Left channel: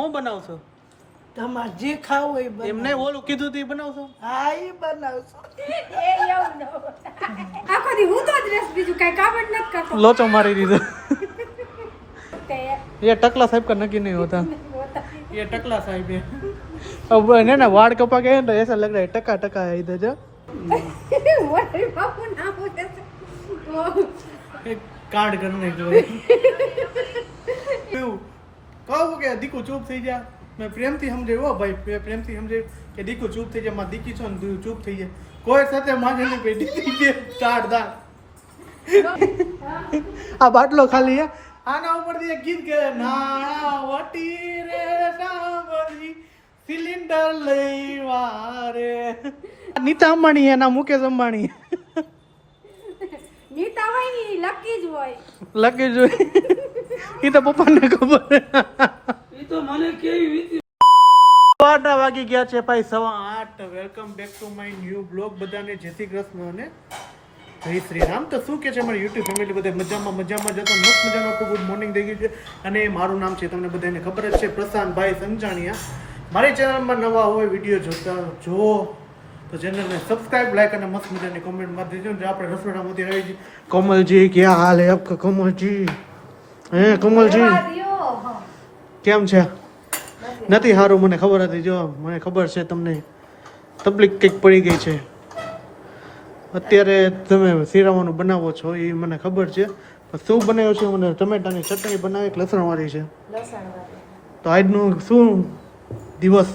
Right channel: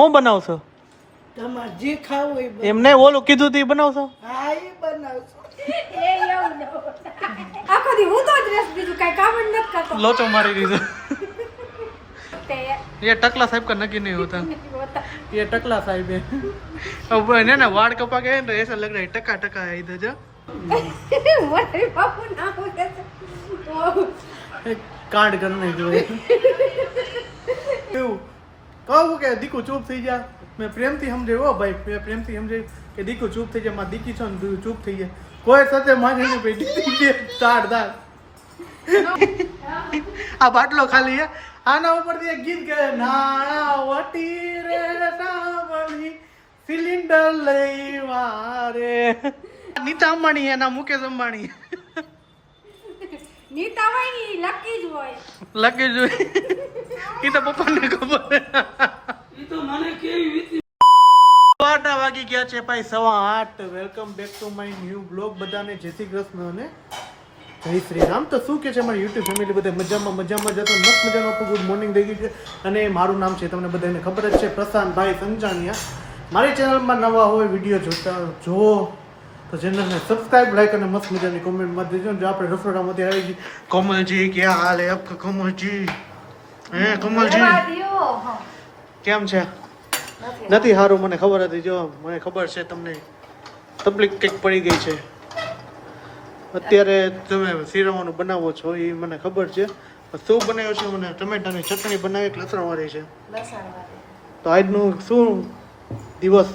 શું બનાવશો? તમારે જે ખાવું હોય બનાવો. એમને ઓલું કીધું તું બનાવશો? હા એ બનાવશો. આખો દી હું તો જ રસ બીજું કઈ કામ જ નથી કરતો. લોચો મારી દીધો. તે ये टकला साहब का नकी नहीं होता, ये टकला साहब है। अब है ना वाड़ कपा गए तो ऐसा लग रहा है टका टका है इधर जो મોટી બાપુ ના બોલે कांड करने जो है क्यों कहूँ કે દીકુ ચૂપ થઈ જા, મેં પ્રેમથી સમજે હો ભાઈ, પ્રેમથી સમજે કે દીકુ ચૂપ થઈ જા, મારી દીકી છો ને તું ચૂપ થઈ જાય, કોઈ સાથે માને નહીં પેટી થઈ જાય તાડ દાડ. આ બાટલો ખાલી હે, આના ઉપરથી એક ગીત કરે નાણા વટી રે સાંભળી સિલિન્ડર લઈવા રે. નીતા અંબાણી હે ના મુકેશ અંબાણી? નીતા હોય ને લકી જ હોય. લકી જોઈ એ તો પપ્પાને ખબર. એ તો મને કેવી 8 વાગી ગયા છે ભાઈ, 8:15. Welcome back to my new blog. બધાને જય શ્રી કૃષ્ણ અને જય શ્રી રામ. તો શું કે છે મારી યુટ્યુબ ફેમિલી, બધા મજામાં જતો મસ્ત મજાનું આપણું ગુડ મોર્નિંગ થઈ ગયું છે. અને મારું નામ છે તમને બધાને ખબર જ છે, પ્રશાંતભાઈ સંજાણિયા. મારી ચેનલમાં નવા હોય વિડીયો જોતા જુઓ તો ચેનલને સબસ્ક્રાઇબ, લાઈક અને મસ્ત મજાની કોમેન્ટ મારી દેજો. જો આપણે રસોડામાંથી આવી ગઈ કોમલજી, ક્યાં હાલ હે આપકા કોમલજી? હે કોમલજી કેમ છે? નથી સારું, મને ખબર હતી. જો મને ખબર છે તમને તકલીફ કંઈક પડી ગઈ છે અત્યારે. તમે શીરાવાનું બનાવો છો એ મને ખબર છે. શું બનાવ્યો છે? મને ટમેટાની ચટણી બનાવી, લસણવાળી છે. તો આજનું શું દિવસ?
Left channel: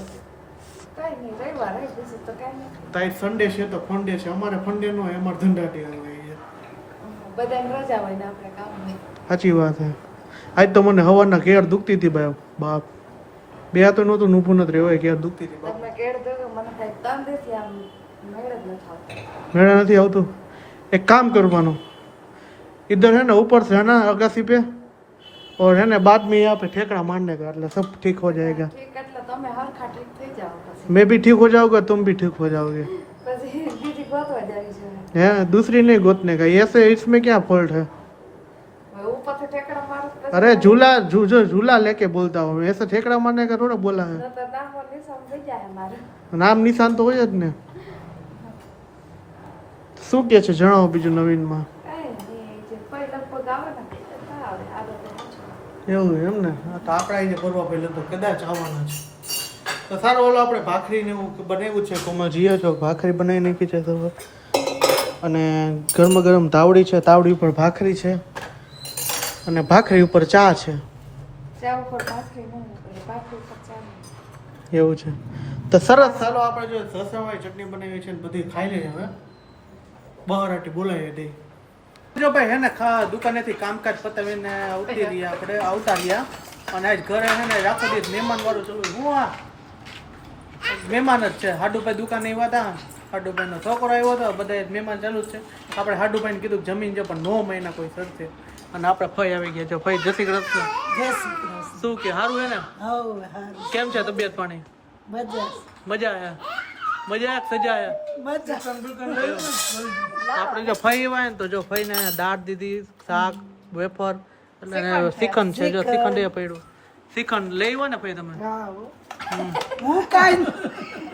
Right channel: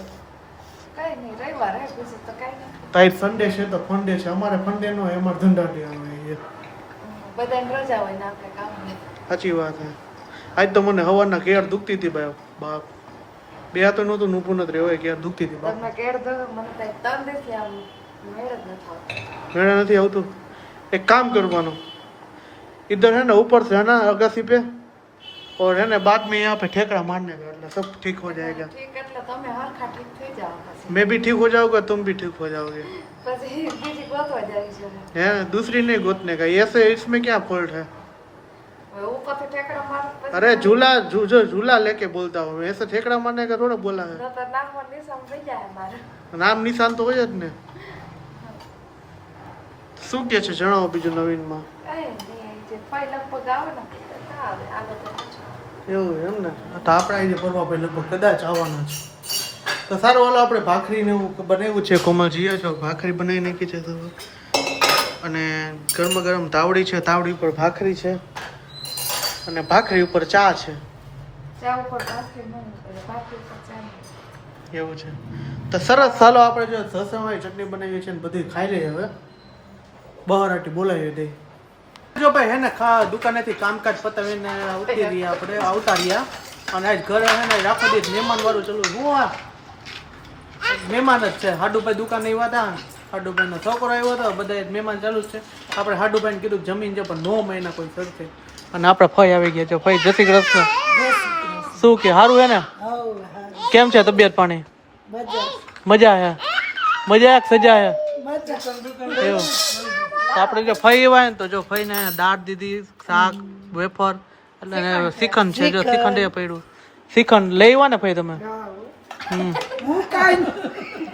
તાઈ સન્ડે છે તો ફંડે છે. અમારે ફંડે નો હોય, અમારે ધંધાટી આવે છે. બધાને રજા હોય ને આપણે કામ નહીં. સાચી વાત છે. આજ તો મને હવારના કેળ દુખતી હતી ભાઈ બાપ. બે તો નહોતું નૂપું નથી રહ્યો, કેળ દુખતી હતી બાપ. તમને કેળ દો મને કઈ તન દેથી આમ મેળ જ ન થાય. મેળા નથી આવતું. एक काम करवानो, इधर है ना ऊपर से है ना अगासी पे, और है ना बाद में यहाँ पे ठेकड़ा मारने का, એટલે सब ठीक हो जाएगा. ઠીક એટલે તમે હરખા ઠીક થઈ જાવ પછી. मैं भी ठीक हो जाऊंगा, तुम भी ठीक हो जाओगे. પછી બીજી ગોતવા જાય છે. है दूसरी नहीं गोतने का, ऐसे इसमें क्या फॉल्ट है? હવે ઉપરથી ઠેકડા મારું પછી अरे झूला झूला लेके बोलता हूँ, ऐसे ठेकड़ा मारने का थोड़ा बोला है. તો નામ ની સમજી જાય મારું. નામ નિશાન તો હોય જ ને. શું કે છે જણાવો બીજું નવીનમાં? કઈ નહીં, જે પહેલા લગભગ આવે ને આવે તો એવું એમ ને. આ તો આપણા અહીંયા પરવા ભાઈ લગભગ કદાચ આવવાના છે. તો સારું, ઓલા આપણે ભાખરીને એવું બનાવ્યું છે. કોમલ જીએ છો ભાખરી બનાવી નાખી છે સવાર, અને ગરમ ગરમ તાવડી છે, તાવડી ઉપર ભાખરી છે, અને ભાખરી ઉપર ચા છે. ચા ઉપર ભાખરી નહીં પડે, ભાખરી ઉપર ચા નહીં. એવું છે. તો સરસ, ચાલો આપણે જો સસરાવાળી ચટણી બનાવી છે ને બધી ખાઈ લઈએ હવે. બહારટી બોલાવી દઈ. જો ભાઈ હે ને દુકાનેથી કામકાજ પતાવીને ઉતરી રહ્યા આપણે, આવતા રહ્યા. અને આજ ઘરે હે ને રાખો દી મહેમાન વાળું ચલો. હું આ મહેમાન જ છે. હાડુભાઈ દુકાને આવ્યા હતા, હાડુભાઈ નો છોકરો આવ્યો હતો, બધા મહેમાન ચાલુ જ છે. આપણે હાડુભાઈને કીધું જમીન છે પણ 9 મહિના કોઈ સરશે. અને આપણે ફઈ આવી ગયા છે. ફઈ જય શ્રી કૃષ્ણ. શું કે સારું હે ને? કેમ છે તબિયત પાણી? મજા હે? મજા સજા હે? એવું. આપણે જો ફઈ આવ્યા ને તો જો ફઈને દાળ દીધી, શાક, વેફર, એટલે શ્રીખંડ છે. જો શ્રીખંડ એ પડ્યું. શ્રીખંડ લઈ આવ્યા ને ફઈ તમે? હું કાઈ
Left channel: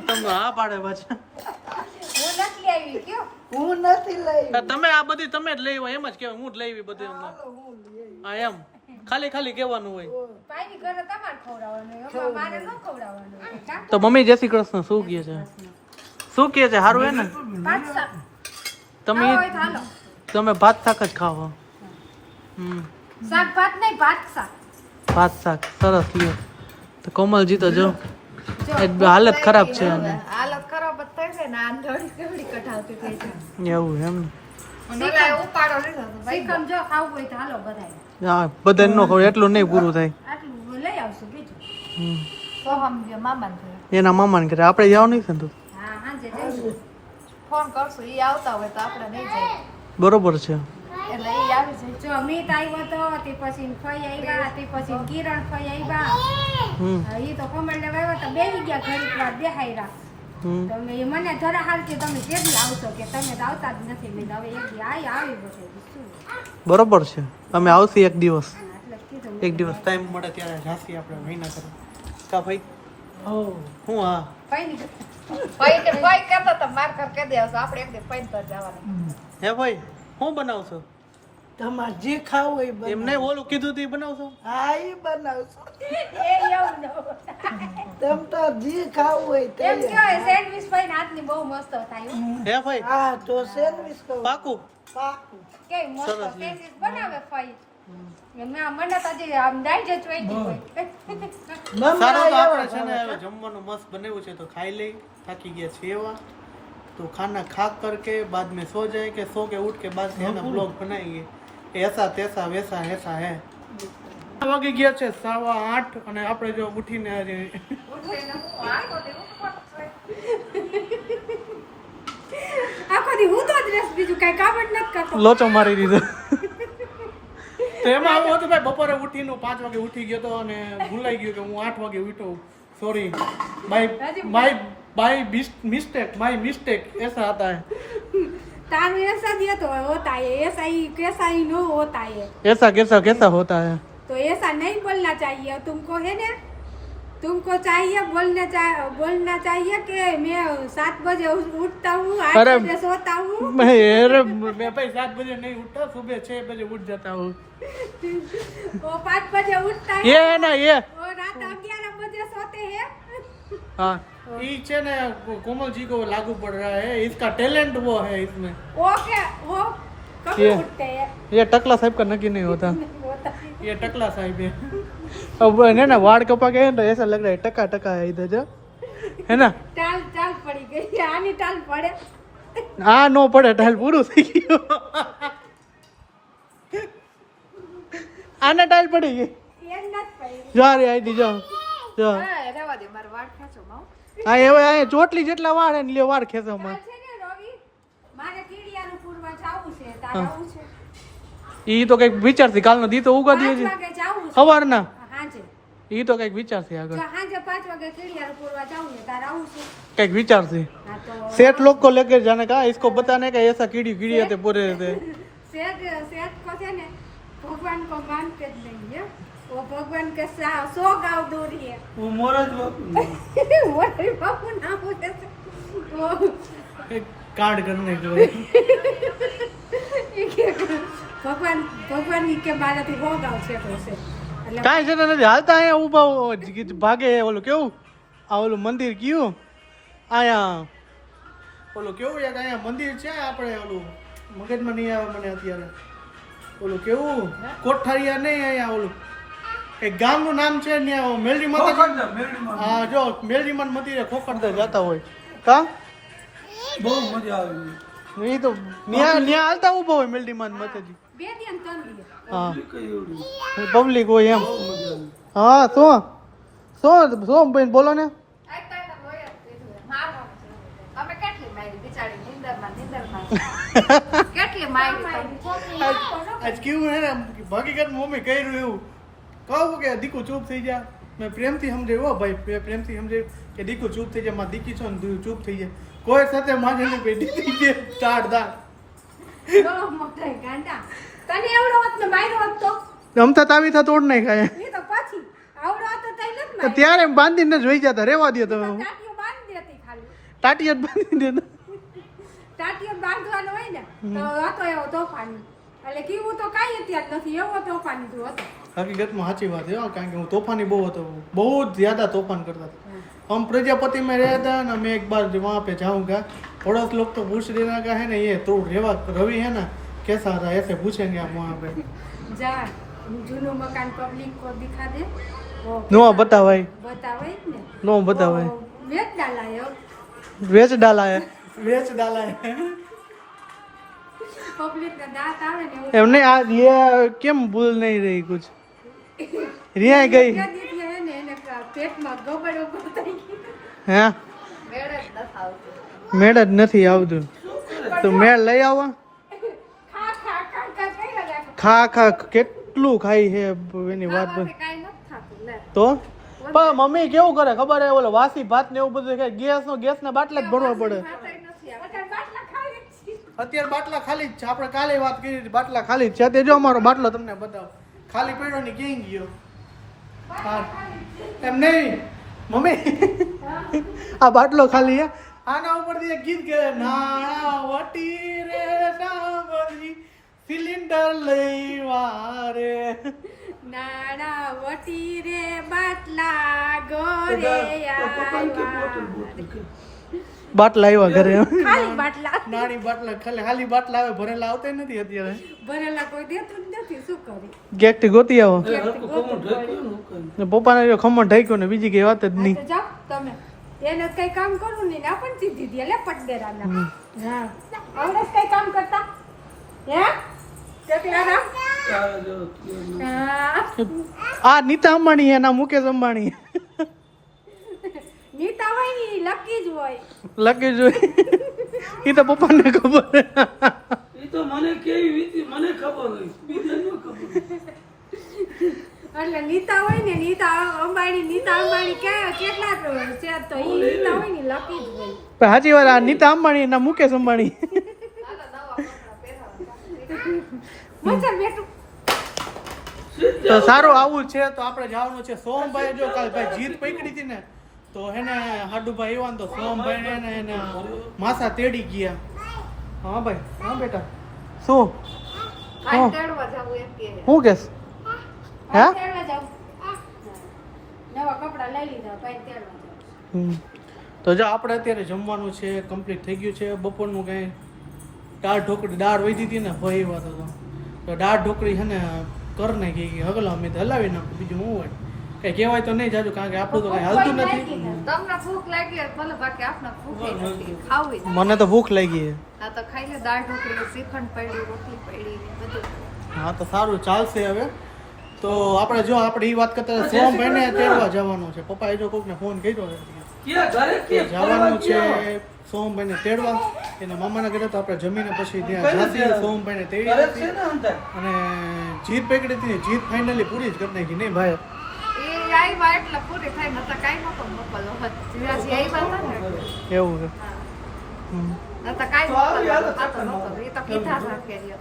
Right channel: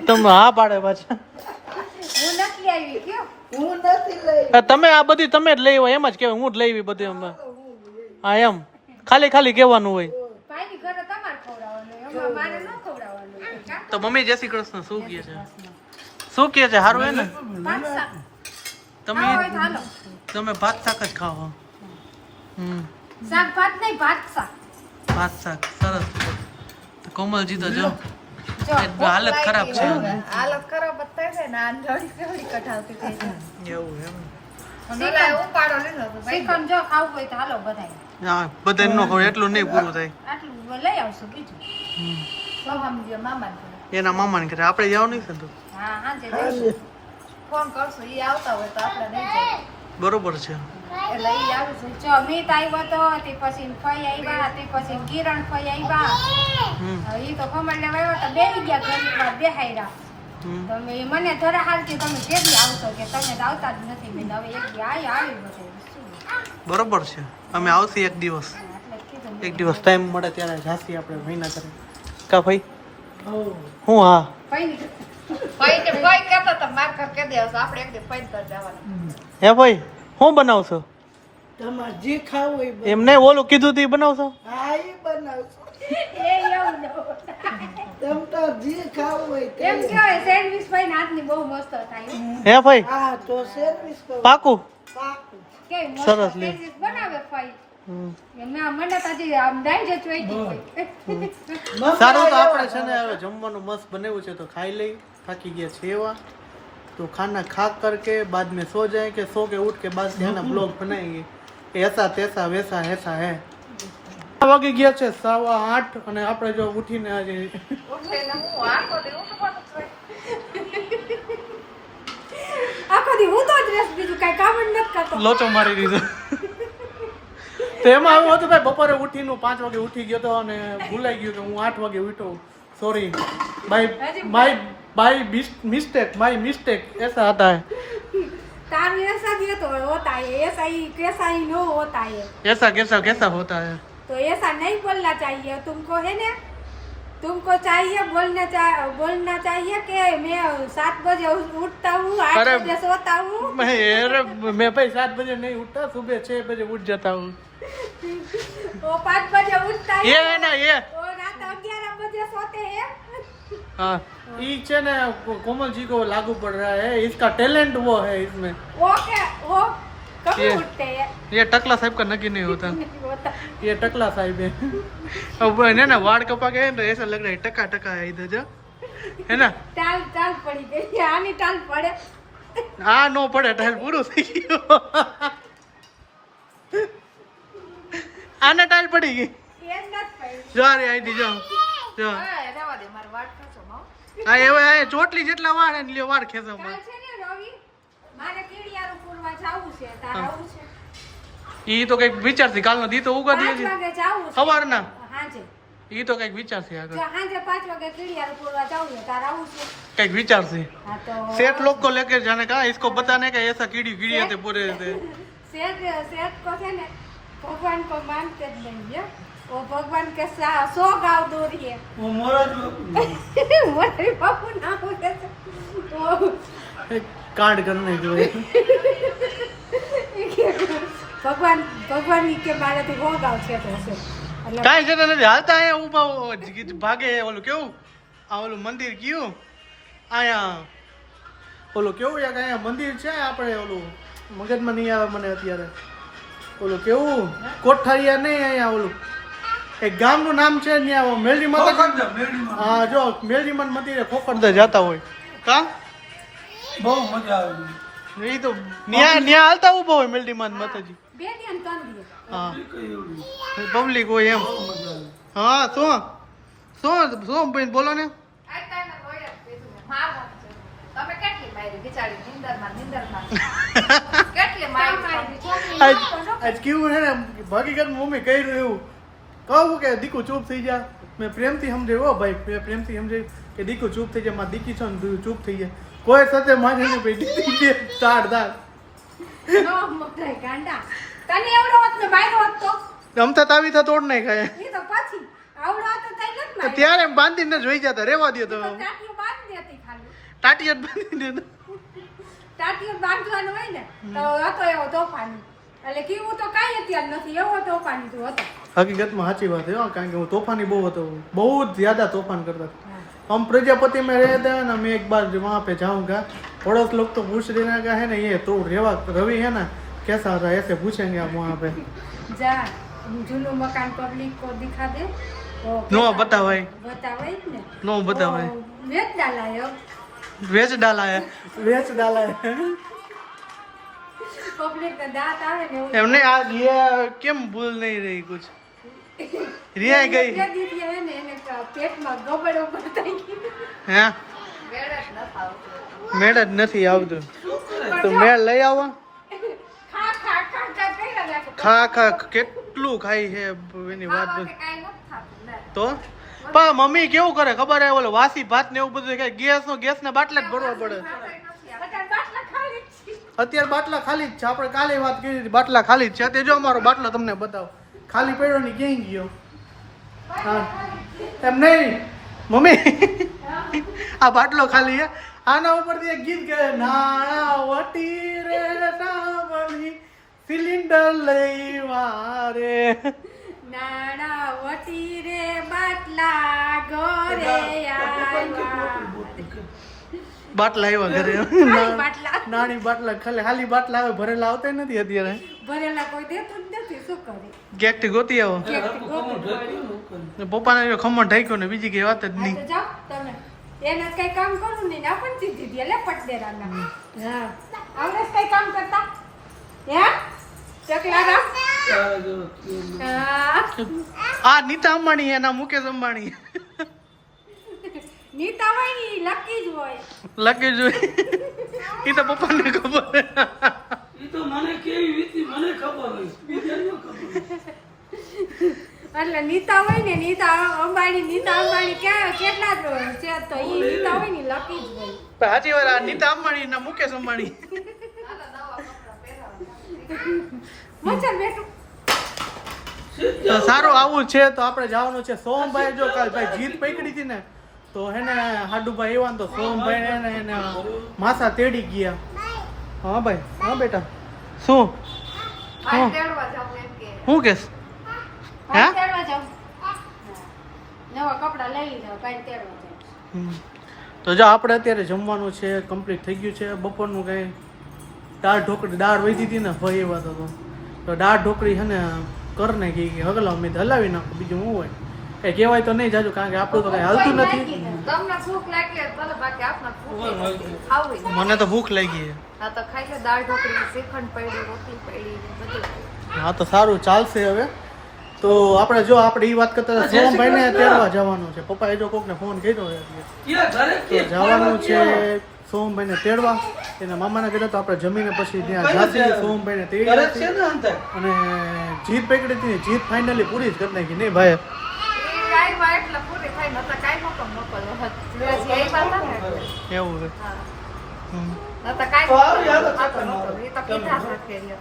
તમે હા પાડે પાછા. હું નથી આવી કયો હું નથી લઈ. તમે આ બધી તમે જ લઈ આવ્યા એમ જ કહેવાય. હું જ લઈ આવી બધી અમે. હા એમ ખાલી ખાલી કહેવાનું હોય. કાઈ ની ઘરે તમારે ખવડાવવાનું, મારે ન ખવડાવવાનું. તો મમ્મી જય શ્રી કૃષ્ણ. શું કહે છે? શું કહે છે? સારું હે ને? ભાત શાક તમે હોય તો હાલો. તમે ભાત શાક જ ખાઓ. શાક ભાત નહીં, ભાત શાક. ભાત શાક સરસ લે. તો કોમલજી તો જો હાલત ખરાબ છે અને હાલત ખરાબ જ થઈ છે ને આ ધડી કેવડી કઢાવતી થઈ છે. એવું એમ ને. મને ઉપાડો લીધો તો ભાઈ કમ જો ખાવું હોય તો હાલો બધાય. હા બધાને નો ખબર, એટલું નહીં પૂરું થાય. આટલું લઈ આવશું બીજું. તો સમજો મામાને ઘરે. એના મામાને ઘરે આપણે જાવ નહીં છે ને તું? હા હા જે જઈશું. ફોન કરશું, ઈ આવતા હોય તો આપણે નહીં જાય. બરોબર છે. એટલે ઈ આવી છે. જો અમિત આવ્યો તો તે પછી ફઈ આવ્યા, તે પછી કિરણ ફઈ આવ્યા. ઈ તો કમળ લેવા આવ્યા તો બેહી ગયા, ઘડીક વાર બેહાયરા. તમે મને જરા હાલ કે તમે કેદી આવશો, કે તમે તો આવતા જ નથી. મેં હવે એક દી આવી બધું શું બરોબર છે. અમે આવશે એક દિવસ, એટલે કીધું એક દિવસ ટાઈમ મળે ત્યારે જાસી આપણે મહિના કરે. કા ભાઈ હો હું હા હે ભાઈ હું બનાવશો તમારે જે ખાવું હોય બનાવો. એમને ઓલું કીધું તું ઈ બનાવશો હા એ બનાવશો એ એવું ન. તમ તાર જે ખાવું હોય તે એમ કહેવાય સેન્ડવિચ ભાઈ હાથની બહુ મસ્ત થાય હે ભાઈ હા તો સેન્ડવિચ તો પાકું પાકું. કે મસ્ત સરસ લ્યો. સેન્ડવિચ બનાવે ભાઈ હમ. ના મને તો હજી આમ દાંજો જ વેચી હોય સારું તો આપણે છે ને હવે જમવાનું મસ્ત બનાવ્યું છે તો ખાઈ લઈ થાકી ગયા છે એવા તો ખાના ખા કરકે बाद में सो जाए કે सो के उठ के बाद से है ना ब्लॉग बनाएंगे ऐसा तैसा वैसा ऐसा है વાગી ગયા છે 8:15 અને આપણે જો ઉઠીને આજે આખો દી હું તો જ રસ બીજું કઈ કામ જ નથી કરતો લોચો મારી દીધો તો એમાં એવું હતું ભાઈ બપોરે ઉઠીને 5 વાગે ઉઠી ગયો તો અને ભૂલાઈ ગયું કે હું 8 વાગે ઉઠ્યો સોરી बाय मिस्टेक ऐसा आता है तारू ऐसा भी तो होता है ऐसा ही कैसा ही नो होता है कैसा होता है तो ऐसा नहीं बोलना चाहिए तुमको है ना तुमको चाहिए बोलना चाहिए कि मैं 7 बजे उठता हूँ 8 अरे, बजे सोता हूँ मैं भाई 7 बजे नहीं उठता सुबह 6 बजे उठ जाता हूँ वो 5 बजे उठता है ये है ना ये और रात 11 बजे सोते हैं हाँ ये है ना कोमल जी को लागू पड़ रहा है इसका टैलेंट वो है इसमें वो क्या वो कब ये- उठते हैं ये टकला साहब का नकी नहीं होता होता ये टकला साहब है अब है ना वाड़ कपा गए तो ऐसा लग रहा है टका टका है इधर जो है ना टाल टाल पड़ी गई आनी टाल पड़े हाँ नो पड़े टाइल पूરું થઈ ગયો આને ટાઈલ પડી ગઈ એમ નથી પડી જો રે આઈડી જો જો રહેવા દે મારો વાટ ખેંચો માવ આ હવે આ ચોટલી જેટલા વાળ હે ને લ્યો વાળ ખેંચો માં છે ને રવિ મારે કીડિયાનું પૂરવા જાવું છે તારે આવું છે ઈ તો કઈક વિચારથી કાલનો દી તો ઉગાડી 5 છે વાગે જાવું છે સવારના હાંજે ઈ તો કઈક વિચારથી આગળ જો હાંજે 5 વાગે કીડિયાનું પૂરવા જાવું છે તારે આવું છે કઈક વિચારથી હા તો सेठ लोग को लेकर जाने का इसको बताने का ऐसा कीड़ी कीड़ी आते पूरे रहते सेठ को છે ને ભગવાન को मान के જ લઈએ वो भगवान के 100 गांव दूर है હું મોરજ બાપુ मोटरी बाबू नाम है वो कांड करने जो है ભગવાન ભગવાન કે મારે તો બહુ ગાવ છે તો છે એટલે કાંઈ છે નથી હાલતા અહીંયા ઊભા ભાગે ઓલું કેવું આ ઓલું મંદિર કયું અહીંયા ઓલું કેવું યાર અહીંયા મંદિર છે આપણે ઓલું મગજમાં નહીં આવે મને અત્યારે ઓલું કેવું કોઠારિયા નહીં અહીંયા ઓલું એક ગામનું નામ છે ત્યાં મેલડી માતા હા જો મેલડી માન મંદિરે ખોખરદા જતા હોય કા બહુ મજા આવે એ તો ન્યા હાલતા ઊભા હોય મેલડી માન માતાજી બે દિન ત્રણ દિન હા કઈ એવડી પબ્લિક હોય એમ બહુ મજા આવે હા શું ભાઈ બોલો ને આજ કેવું હે ને હકીકત મમ્મી કર્યું એવું કહું કે દીકુ ચૂપ થઈ જા મેં પ્રેમથી સમજાવ્યો ભાઈ પ્રેમથી સમજાવ્યું કે દીકુ ચૂપ થઈ જાય મારી દીકી છો ને તું ચૂપ થઈ જાય કોઈ સાથે માને નહીં ભાઈ દીકી છે તાડ દાડ નો મોટાઈ ગાંડા તને એવડો હોત ને માર્યો હોત તો રમતા તાવી થા તોડ નહીં ખાય એ તો પછી આવડો તો તઈ નથી માર્યો ત્યારે બાંધીને જોઈ ગયા હતા રેવા દે તો ટાટીઓ બાંધી દેતી ખાલી ટાટીએ જ બાંધી દે ટાટીઓ બાંધવાનું હોય ને તો હતો એવો તોફાની એટલે કીવું તો કાંઈ અત્યારે નથી એવો તોફાની તું હતો હકીકતમાં સાચી વાત है કારણ કે હું तूफानी बहुत હતો बहुत ज्यादा तूफान करता था हम प्रजापति में रहते हैं ना मैं एक बार वहाँ पे जाऊँगा पड़ोस लोग तो पूछ देना का है ना ये तो रेवा रवि है ना कैसा था ऐसे पूछेंगे आप वहाँ पे જા જૂનું મકાન પબ્લિક को दिखा दे वो नो बतावाई बतावे જ ને नो बतावाई वो વેચ डालाયો वेच डाला है वेच डाला है પબ્લિક ને દાંત આવે ને એવું हमने आज ये क्यों भूल नहीं रही कुछ रिया गई બે દીધી હે ને એને પેટમાં ગબડો બતાઈ ગઈ हैं મેળ જ નથી આવતું તો મેળ લઈ આવો ખા ખા ખા ખા કઈ લાગે ખા ખા કેટલું ખાઈ છે એની વાત ખાવા પણ કે કાઈ નથી થાતું લે તો પણ મમ્મી કેવું કરે ખબર હે ઓલો વાસી ભાત ને એવું બધું કે ગેસ ના બાટલા જ ભરવા પડે અત્યારે બાટલા ખાલી જ છે આપણે કાલે વાત કરી હતી, બાટલા ખાલી જ છે તે જો અમારો બાટલો તમને બતાવો ખાલી પડ્યો ને ક્યાંય ગયો હા એમ નહીં મમ્મી આ બાટલો ખાલી હે આના ઉપરથી એક ગીત ગાય નાણાવટી રે સાંભળી સિલિન્ડર લઈવા રે નાણાવટી રે બાટલા ગોરે આવ્યા. બાટલા આવ્યા ઘરે ખાલી બાટલા નાની બાટલા ખાલી બાટલા આવે ભરેલા આવતા નથી અત્યારે ભરેલા કોઈ દેતું જ નથી, શું કરી? ગેક થી ગોતી આવો પપ્પાને ખમણ ઢાંક્યો ને બીજી કઈ વાત જ હા નહીં તો જાઓ તમે, એને જ કઈ કામ કરવું નહીં ને આપણને દીધી દે લે પટડેરાના. હા આવડે કઈ કામ કરતા હે ચકલા રા? હા આ નીતા અંબાણી હે ના મુકેશ અંબાણી નીતા હોય ને ઈ લકી જ હોય. લકી જોઈ એ તો પપ્પાને ખબર એ તો મને કેવી વીતી મને ખબર હોય, બીજાને ન ખબર હોય. એટલે નીતા હોય ને નીતા અંબાણી કેટલા છે તો ઈ નીતા હોય ને લકી જ હોય. પણ સાચી વાત આ નીતા અંબાણી ના મુકેશ અંબાણી મજા બેઠું તો સારું આવું છે તો આપણે જવાનું છે સોમભાઈ જો કાલ ભાઈ જીત પકડી હતી ને તો હેને હાડુભાઈ એવા તો સોમભાઈ એને માથા તેડી ગયા. હા ભાઈ હા બેટા શું આ તેડવા જાવ એમ કે શું કેસ હે તેડવા જાવ નવા કપડા લઈ લીધા કાઈ તેડવા જાવ. તો જો આપણે અત્યારે જમવાનું છે કમ્પ્લીટ થઈ ગયું છે બપોરનું કંઈ દાળ વહી હતી ને ભાઈ એવા તો દાળ ઢોકળી છે ને કર નાખી કે હગલા અમે હલાવી નાખો બીજું શું હોય કઈ કહેવાય તો નહીં જાજુ કારણ કે આપણું તો કઈ હાલતું નથી. તમને ભૂખ લાગી હોય ભલે બાકી આપને ભૂખ નથી ખાવી. મને તો ભૂખ લાગી છે. હા તો ખાઈ લે દાળ ઢોકળી શ્રીખંડ પડી રોટલી પડી ને બધું. હા તો સારું ચાલશે હવે તો આપણે જો આપણે એ વાત કરતા હતા સોમભાઈને તેડવા જવાનું છે પપ્પાએ જો કોકને ફોન કર્યો તો જવાનું છે સોમભાઈને તેડવા એના મામાના ઘરે તો આપણે જમીને પછી ત્યાં જાતી સોમભાઈને તેડી હતી અને જીત પકડી હતી જીત ફાઇનલી પૂરી જ કરી નાખી નહીં ભાઈ એ આવ્યા એટલે પૂરી થાય નતા કાઈ મોકલો હોત જીવાજી આવ્યા હતા ને એવું છે હા હમ. નતા કાઈ મોકલો એ તો કીધા રાખે એટલે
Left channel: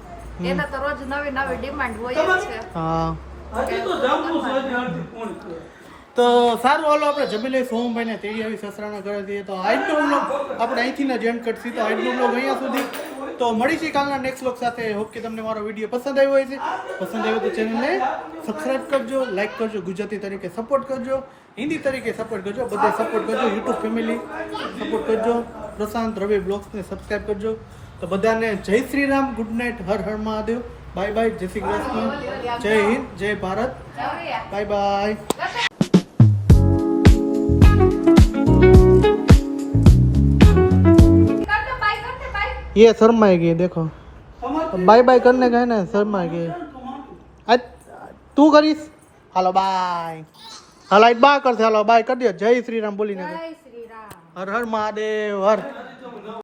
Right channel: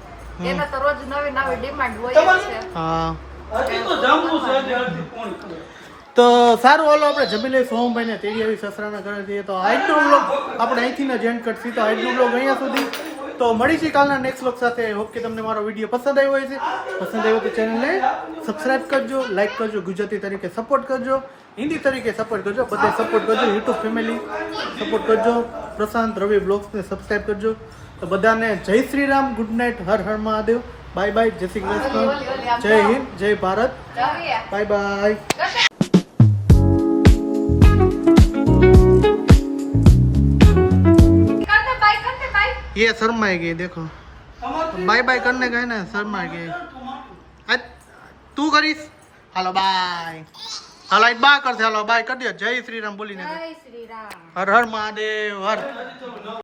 એને તો રોજ નવી નવી ડિમાન્ડ હોય જ છે. હા હજી તો જામવું છે, હજી ફોન કર્યો. તો સારું ઓલો આપણે જમી લઈ સોમભાઈને તેડી આવી સસરાના ઘરે જઈએ તો આજનો બ્લોગ આપણે અહીંથી જ એન્ડ કરશી તો આજનો બ્લોગ અહીંયા સુધી તો મળીશું કાલના નેક્સ્ટ બ્લોગ સાથે. હોપ કે તમને મારો વિડીયો પસંદ આવ્યો હોય છે પસંદ આવ્યો તો ચેનલને સબસ્ક્રાઇબ કરજો લાઈક કરજો ગુજરાતી તરીકે સપોર્ટ કરજો હિન્દી તરીકે સપોર્ટ કરજો બધે સપોર્ટ કરજો યુટ્યુબ ફેમિલી સપોર્ટ કરજો પ્રશાંત રવિ બ્લોગ્સને સબસ્ક્રાઇબ કરજો. તો બધાને જય Shri Ram good night Har Har Mahadev bye bye જય શ્રી કૃષ્ણ જય હિન્દ જય ભારત બાય બાય. ये शर्मा गई देखो बाय बाय करने गए ना शर्मा गई आज तू करीस हेलो बाय हेलो बा करते हेलो बाय कर दियो जय श्री राम बोली ने જય શ્રી રામ. हर हर महादेव हर